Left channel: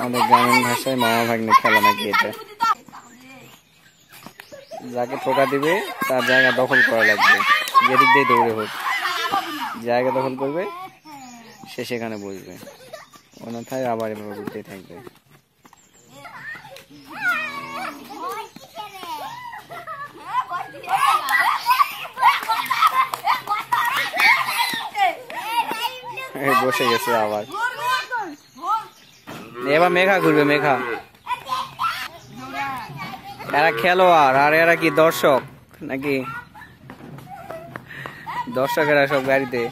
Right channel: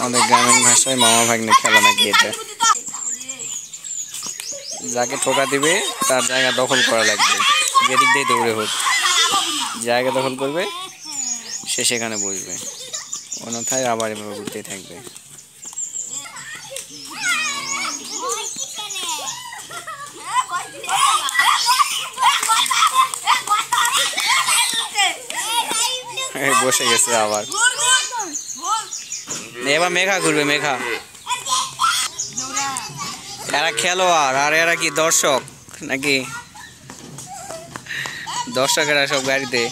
আমাদের গ্রামীণ ভাষায় মামা ভাগ্নে খেলা নাকি এটা। যাকে ঠোকা দিবে তার জায়গা দখল করা লাগবে, যেদিক দিয়ে দৌড়ে হোক জায়গা দখল করবে, সে সেখানে বসবে, অন্যথায় আবার এভাবে ঘুরতেই থাকবে। বসে গেছে আবার, এবার মেঘা ঘুরবে। মেঘা এরা খেলোয়াড় আর এরা কি দর্শক নাকি? দর্শকেরা সব গাড়িতে।